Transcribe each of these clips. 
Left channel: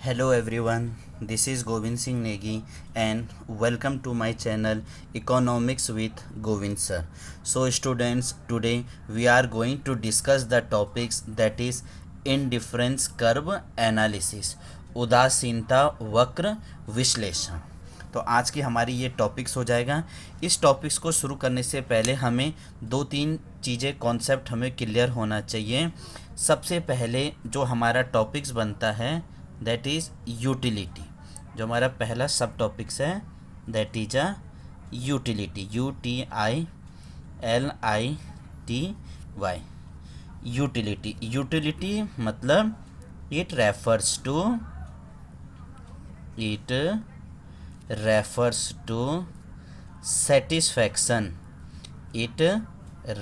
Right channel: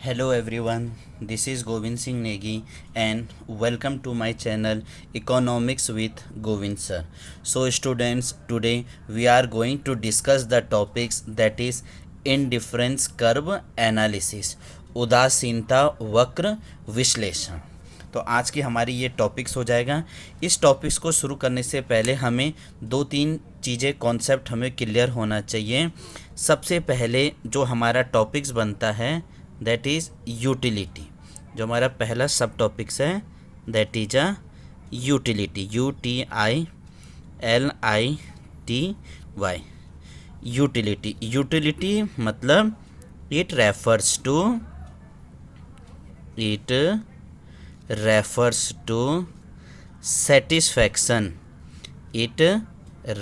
Hello everyone, this is Govind Singh Negi and welcome to my channel Economics with Govind sir. So students, today we are going to discuss the topics that is indifference curve analysis, उदासीनता वक्र विश्लेषण। तो आज की हमारी ये topics हो जाएगा। इस टॉपिक्स को शुरू करने से पहले हमें दो तीन चीज़ें कॉन्सेप्ट हमें क्लियर होना चाहिए। सबसे पहले जो हमारा टॉपिक्स बनता है दैट इज़ यूटिलिटी। जो हमारा पहला सब टॉपिक्स है that is a utility, UTILITY। Utility मतलब it refers to satisfaction. It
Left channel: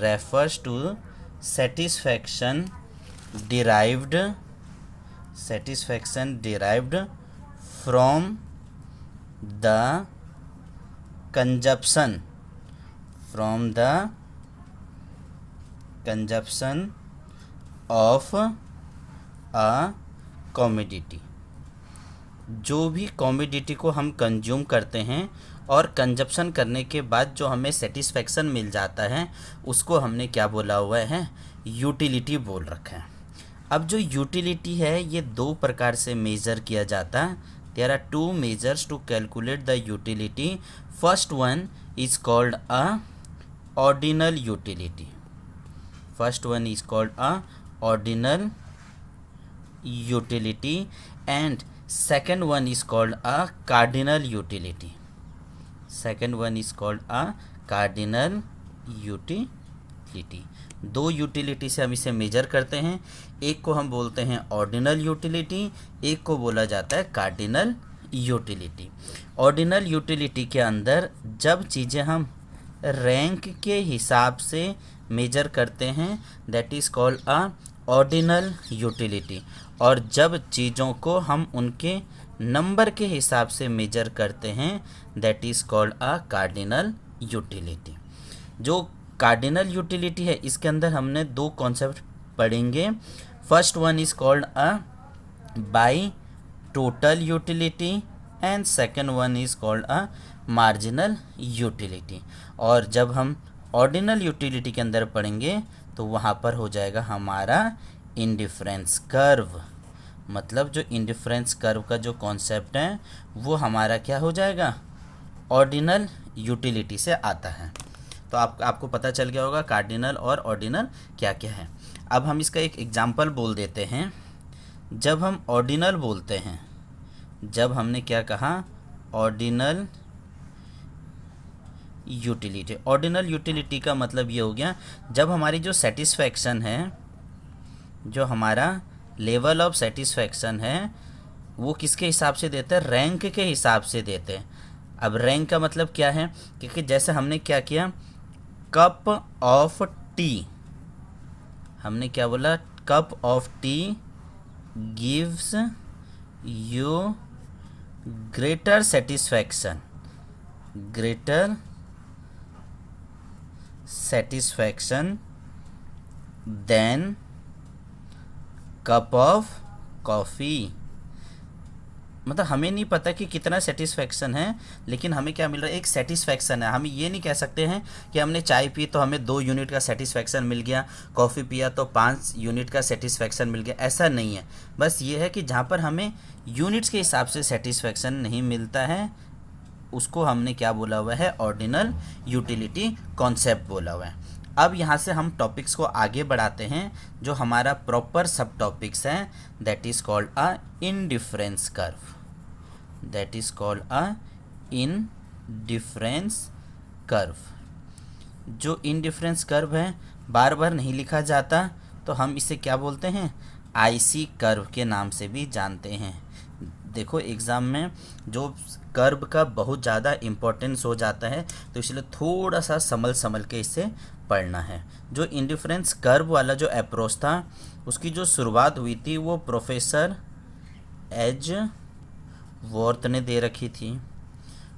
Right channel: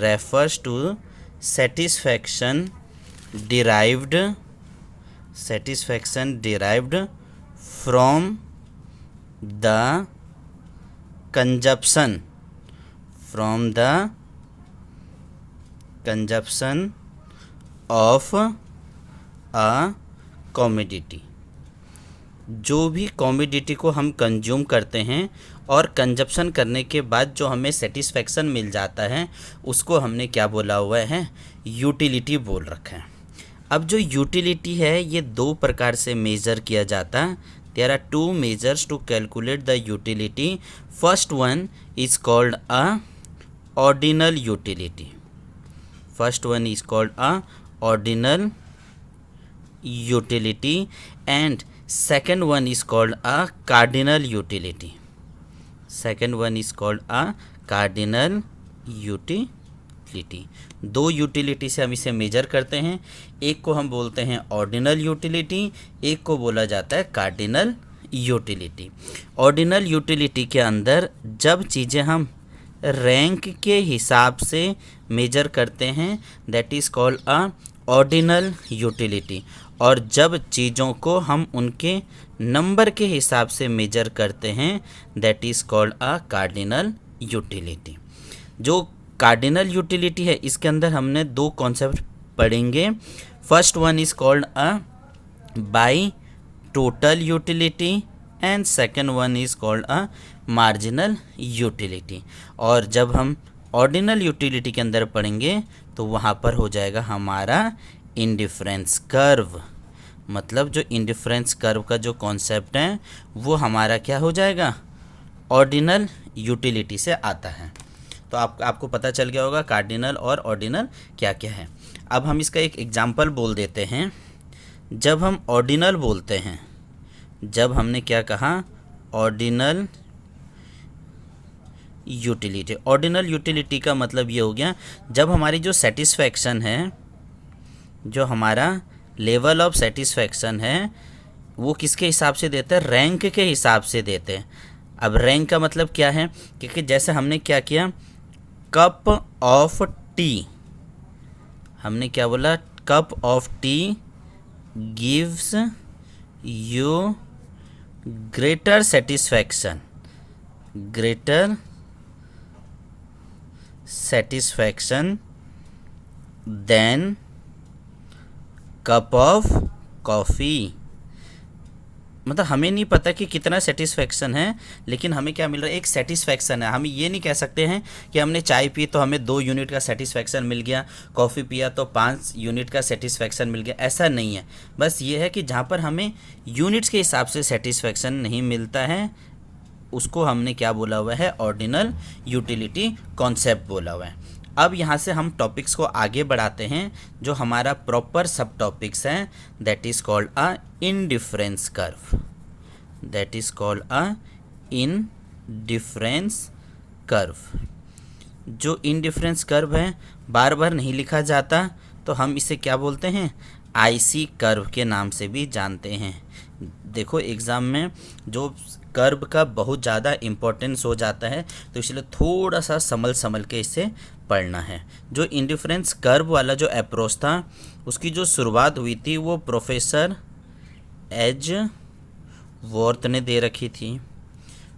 refers to satisfaction derived from the consumption of a commodity। जो भी कॉमोडिटी को हम कंज्यूम करते हैं और कंजप्शन करने के बाद जो हमें सेटिस्फेक्शन मिल जाता है उसको हमने क्या बोला हुआ है, यूटिलिटी बोल रखा है। अब जो यूटिलिटी है ये दो प्रकार से मेज़र किया जाता है। There are two measures to calculate the utility. First one is called a ordinal utility. And second one is called a cardinal utility। दो यूटिलिटी से हम इसे मेजर करते हैं। एक को हम बोलते हैं ऑर्डिनल यूटिलिटी, एक को बोला जाता है कार्डिनल यूटिलिटी। ऑर्डिनल यूटिलिटी के अंदर जब चीज़ें हम रैंक के हिसाब से मेजर करते हैं that is called a ordinal utility, और जब चीज़ों को हम उनके नंबर के हिसाब से मेजर करते हैं that is called a cardinal utility. जो कार्डिनल यूटिलिटी है इसके अंदर हमने दो कॉन्सेप्ट पढ़ेंगे। First one is called a by total utility and second one is called a marginal utility. और जब हम ऑर्डिनल यूटिलिटी के अंदर पढ़ेंगे तो वहाँ पर हो जाएगा हमारा इंडिफरेंस कर्व। मतलब जो इंडिफरेंस कर्व का जो कॉन्सेप्ट है वो हमारा क्या हो जाएगा, ऑर्डिनल यूटिलिटी से आता है। तो आपको पता चल गया होगा कार्डिनल और ऑर्डिनल क्या क्या है। अब हम इसका एक एग्जांपल बोल देते हैं। जब हम ऑर्डिनल बोलते हैं, जब हमने क्या कहा, ऑर्डिनल यूटिलिटी का मतलब ये हो गया जब हमारी जो सेटिस्फैक्शन है, जो हमारा लेवल ऑफ सेटिस्फैक्शन है वो किसके हिसाब से देते हैं, रैंक के हिसाब से देते हैं। अब रैंक का मतलब क्या है, क्योंकि जैसे हमने क्या किया, कप ऑफ टी, हमने क्या बोला, cup of tea gives you greater satisfaction than cup of coffee. मतलब हमें नहीं पता कि कितना सेटिस्फैक्शन है, लेकिन हमें क्या मिल रहा है, एक सेटिस्फैक्शन है। हम ये नहीं कह सकते हैं कि हमने चाय पी तो हमें 2 यूनिट का सेटिस्फैक्शन मिल गया, कॉफ़ी पिया तो 5 यूनिट का सेटिस्फैक्शन मिल गया, ऐसा नहीं है। बस ये है कि जहाँ पर हमें यूनिट्स के हिसाब से सेटिस्फैक्शन नहीं मिलता है उसको हमने क्या बोला हुआ है, ऑर्डिनल यूटिलिटी कॉन्सेप्ट बोला हुआ है। अब यहाँ से हम टॉपिक्स को आगे बढ़ाते हैं। जो हमारा प्रॉपर सब टॉपिक्स हैं that is called a indifference curve. जो इंडिफरेंस कर्व है बार बार नहीं लिखा जाता, तो हम इसे क्या बोलते हैं, आईसी कर्व के नाम से भी जानते हैं। देखो एग्ज़ाम में जो कर्व का बहुत ज़्यादा इम्पोर्टेंस हो जाता है, तो इसलिए थोड़ा सा संभल के इसे पढ़ना है। जो इंडिफरेंस कर्व वाला जो अप्रोच था उसकी जो शुरुआत हुई थी वो प्रोफेसर एजवर्थ ने दे रखी थी।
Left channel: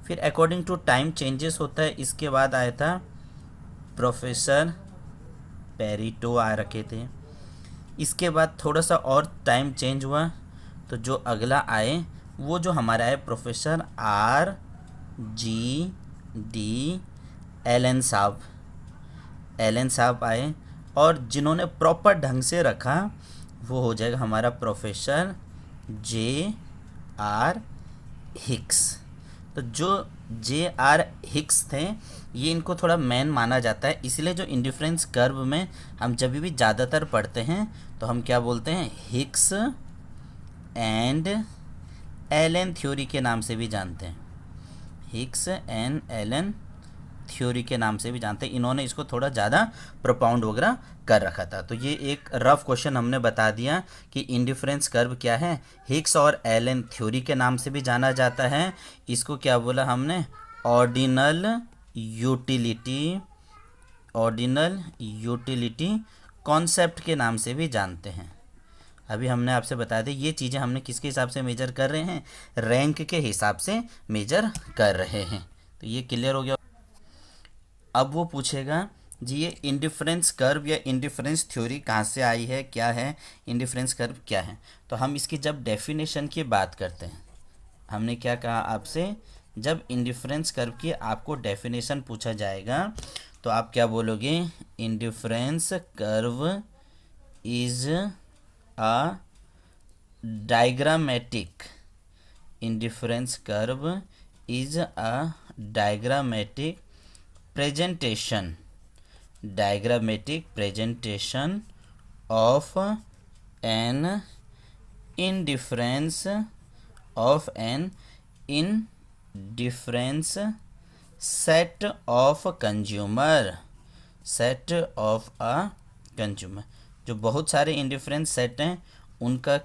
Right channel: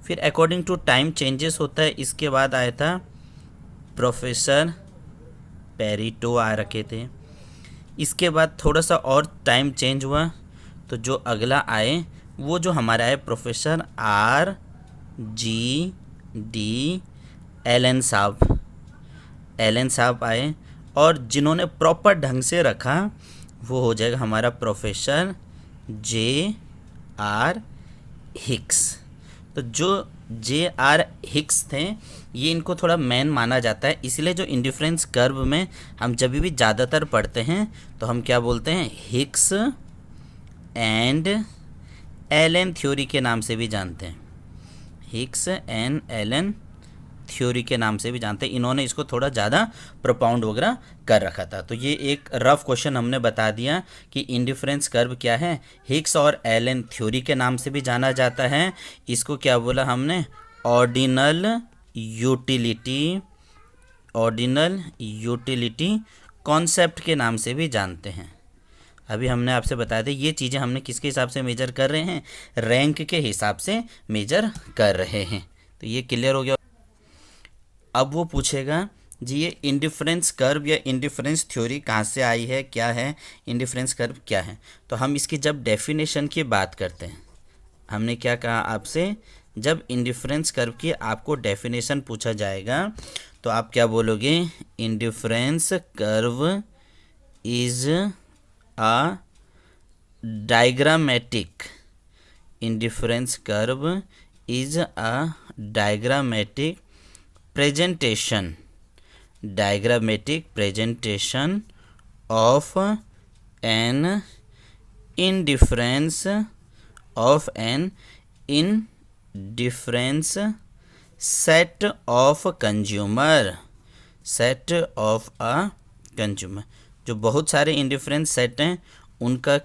फिर अकॉर्डिंग टू टाइम चेंजेस होता है, इसके बाद आया था प्रोफेसर पेरिटो आ रखे थे। इसके बाद थोड़ा सा और टाइम चेंज हुआ तो जो अगला आए वो जो हमारा है professor R G D Allen साहब आए, और जिन्होंने प्रॉपर ढंग से रखा वो हो जाएगा हमारा प्रोफेसर J.R. हिक्स। तो जो J.R. हिक्स थे ये इनको थोड़ा मैन माना जाता है, इसलिए जो इंडिफरेंस कर्व में हम जब भी ज़्यादातर पढ़ते हैं तो हम क्या बोलते हैं, हिक्स एंड एलन थ्योरी के नाम से भी जानते हैं, हिक्स एंड एलन थ्योरी के नाम से भी जानते हैं। इन्होंने इसको थोड़ा ज़्यादा प्रोपाउंड वगैरह कर रखा था। तो ये एक रफ क्वेश्चन हमने बता दिया कि इंडिफरेंस कर्व क्या है, हिक्स और एलन थ्योरी के नाम से भी जाना जाता है। इसको क्या बोला हमने, ऑर्डिनल यूटिलिटी कॉन्सेप्ट के नाम से भी जानते हैं। अभी हमने आपसे बताया था ये चीज़ें हमने किसके हिसाब से मेजर कर रहे हैं, रैंक के हिसाब से मेजर कर रहे हैं। तो ये क्लियर हो गया। अब वो पूछेगा जी ये इंडिफरेंस कर्व या इंडिफरेंस थ्योरी कहाँ से आई है, क्या है इंडिफरेंस कर्व क्या है। तो हम इसकी जब डेफिनेशन की बात करते हैं, हमने क्या कहा आपसे, जब इंडिफरेंस कर्व की आपको डेफिनेशन पूछा जाएगा तो आप क्या बोलोगे, indifference curve is a diagrammatic, indifference curve is a diagrammatic presentation of an indifference set of a consumer। जो बहुत सारे इंडिफरेंस सेट हैं उनका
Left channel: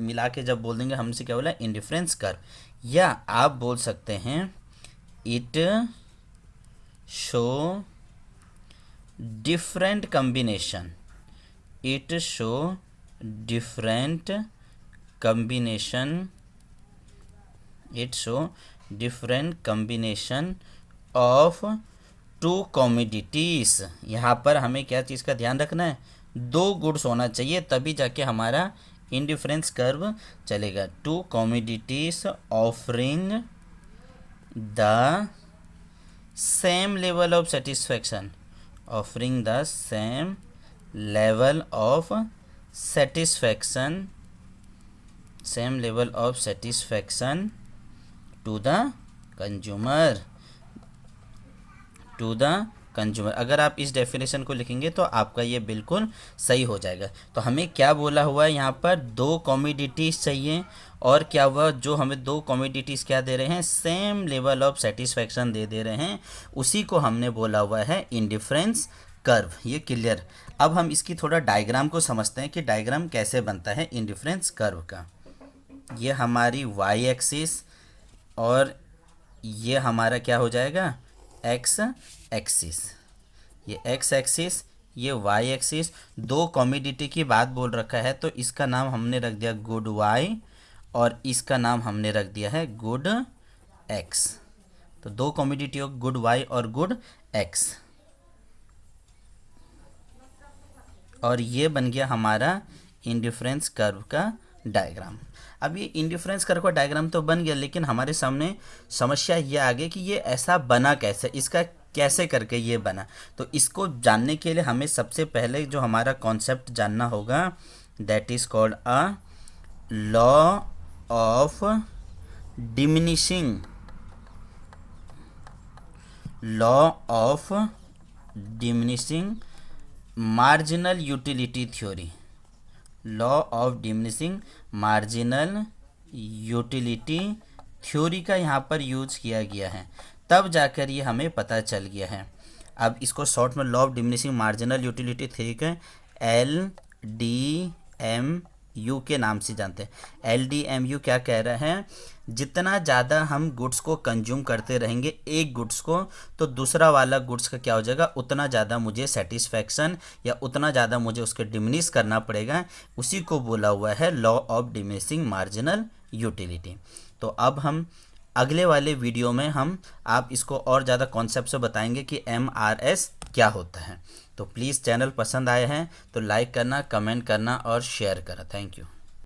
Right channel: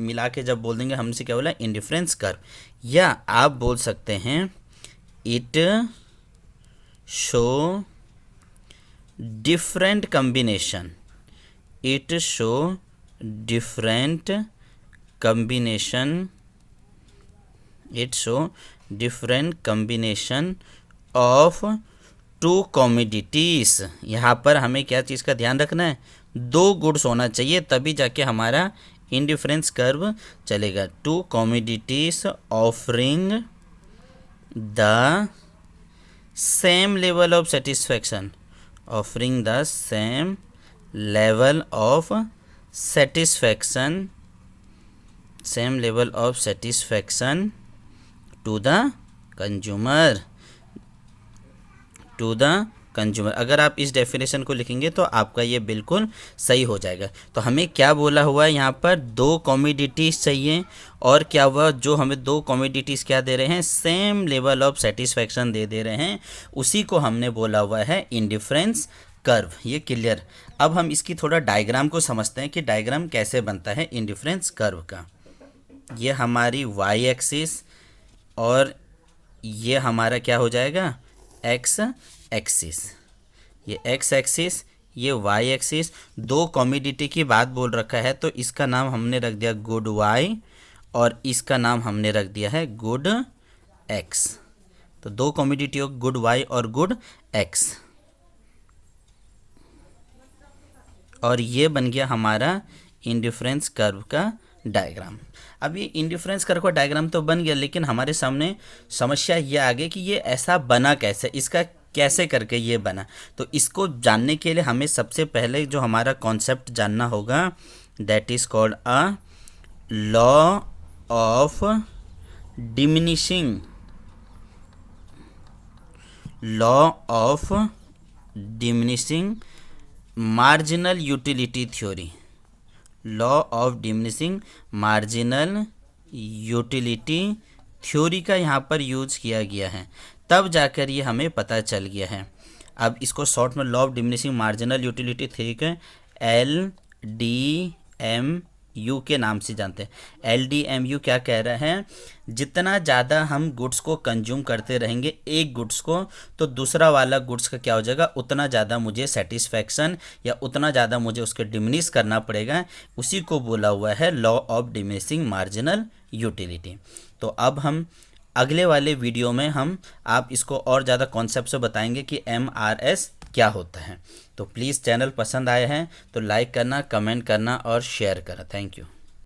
मिला के जब बोल देंगे हमसे क्या बोला, इंडिफरेंस कर्व। या आप बोल सकते हैं it show different combination of two commodities। यहाँ पर हमें क्या चीज़ का ध्यान रखना है, दो गुड्स होना चाहिए तभी जाके हमारा इंडिफरेंस कर्व चलेगा। To commodities offering the same level of satisfaction to the consumer। अगर आप इस डेफिनेशन को लिखेंगे तो आपका ये बिल्कुल सही हो जाएगा। तो हमें क्या बोला हुआ है यहाँ पर, दो कमोडिटीज़ चाहिए, और क्या हुआ, जो हमें दो कमोडिटीज़ क्या दे रहे हैं, सेम लेवल ऑफ सेटिस्फैक्शन दे रहे हैं, उसी को हमने बोला हुआ है इंडिफरेंस कर्व। ये क्लियर। अब हम इसकी थोड़ा डायग्राम को समझते हैं कि डायग्राम कैसे बनता है इंडिफरेंस कर्व का। ये हमारी वाई एक्सिस और ये हमारा क्या हो जाएगा, एक्स एक्सिस। ये एक्स एक्सिस, ये वाई एक्सिस। दो कमोडिटी की बात बोल रखा है तो इसका नाम हमने रख दिया गुड वाई और इसका नाम हमने रख दिया है गुड एक्स। तो दो कमोडिटी हो, गुड वाई और गुड एक्स, और ये बन गया हमारा इंडिफरेंस कर्व का डायग्राम। अब ये इंडिफरेंस कर्व का डायग्राम तो बन गया, लेकिन हमारे सामने समस्या ये आ गई कि ये ऐसा बना कैसे, इसका कैसे करके ये बना। तो इसको जानने के लिए हमें सबसे पहले जो हमारा कॉन्सेप्ट जानना होगा, that is called a law of diminishing marginal utility theory. Law of diminishing marginal utility theory का यहाँ पर यूज किया गया है, तब जाकर ये हमें पता चल गया है। अब इसको शॉर्ट में law of diminishing marginal utility theory के LDMU के नाम से जानते हैं। LDMU क्या कह रहे हैं, जितना ज़्यादा हम गुड्स को कंज्यूम करते रहेंगे एक गुड्स को, तो दूसरा वाला गुड्स का क्या हो जाएगा, उतना ज़्यादा मुझे सेटिस्फैक्शन या उतना ज़्यादा मुझे उसके डिमिनिश करना पड़ेगा। उसी को बोला हुआ है law of diminishing marginal utility. तो अब हम अगले वाले वीडियो में आप इसको और ज़्यादा कॉन्सेप्ट से बताएंगे कि MRS क्या होता है। तो प्लीज़ चैनल पसंद आए हैं तो लाइक करना, कमेंट करना और शेयर करना। Thank you.